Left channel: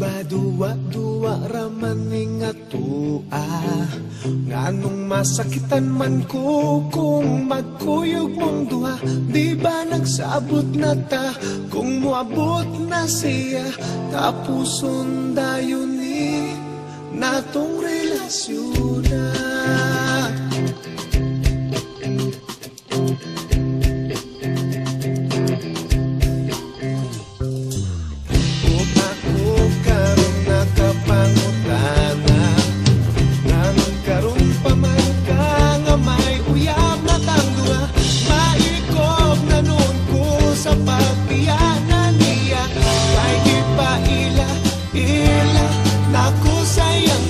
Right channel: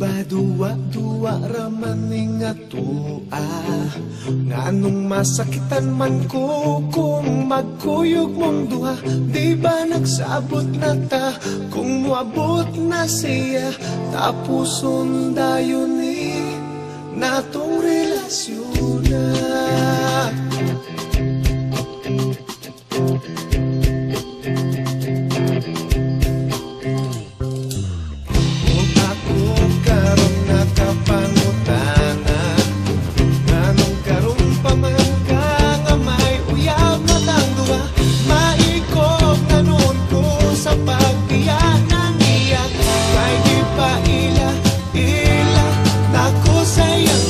ba duwa-duwa ramaning atua, nganong masakitan man ko kung magkuyog mong duha. Di ba nagsabot na ta kung muabot na siya, tapuson dayon ni natong relasyon na. Karon nakapangutana, nganong karon pa man ka nga may uyab na tang duha. Maikog na nun ko sa pagbiyanan niya, kay di pa ila nako sayang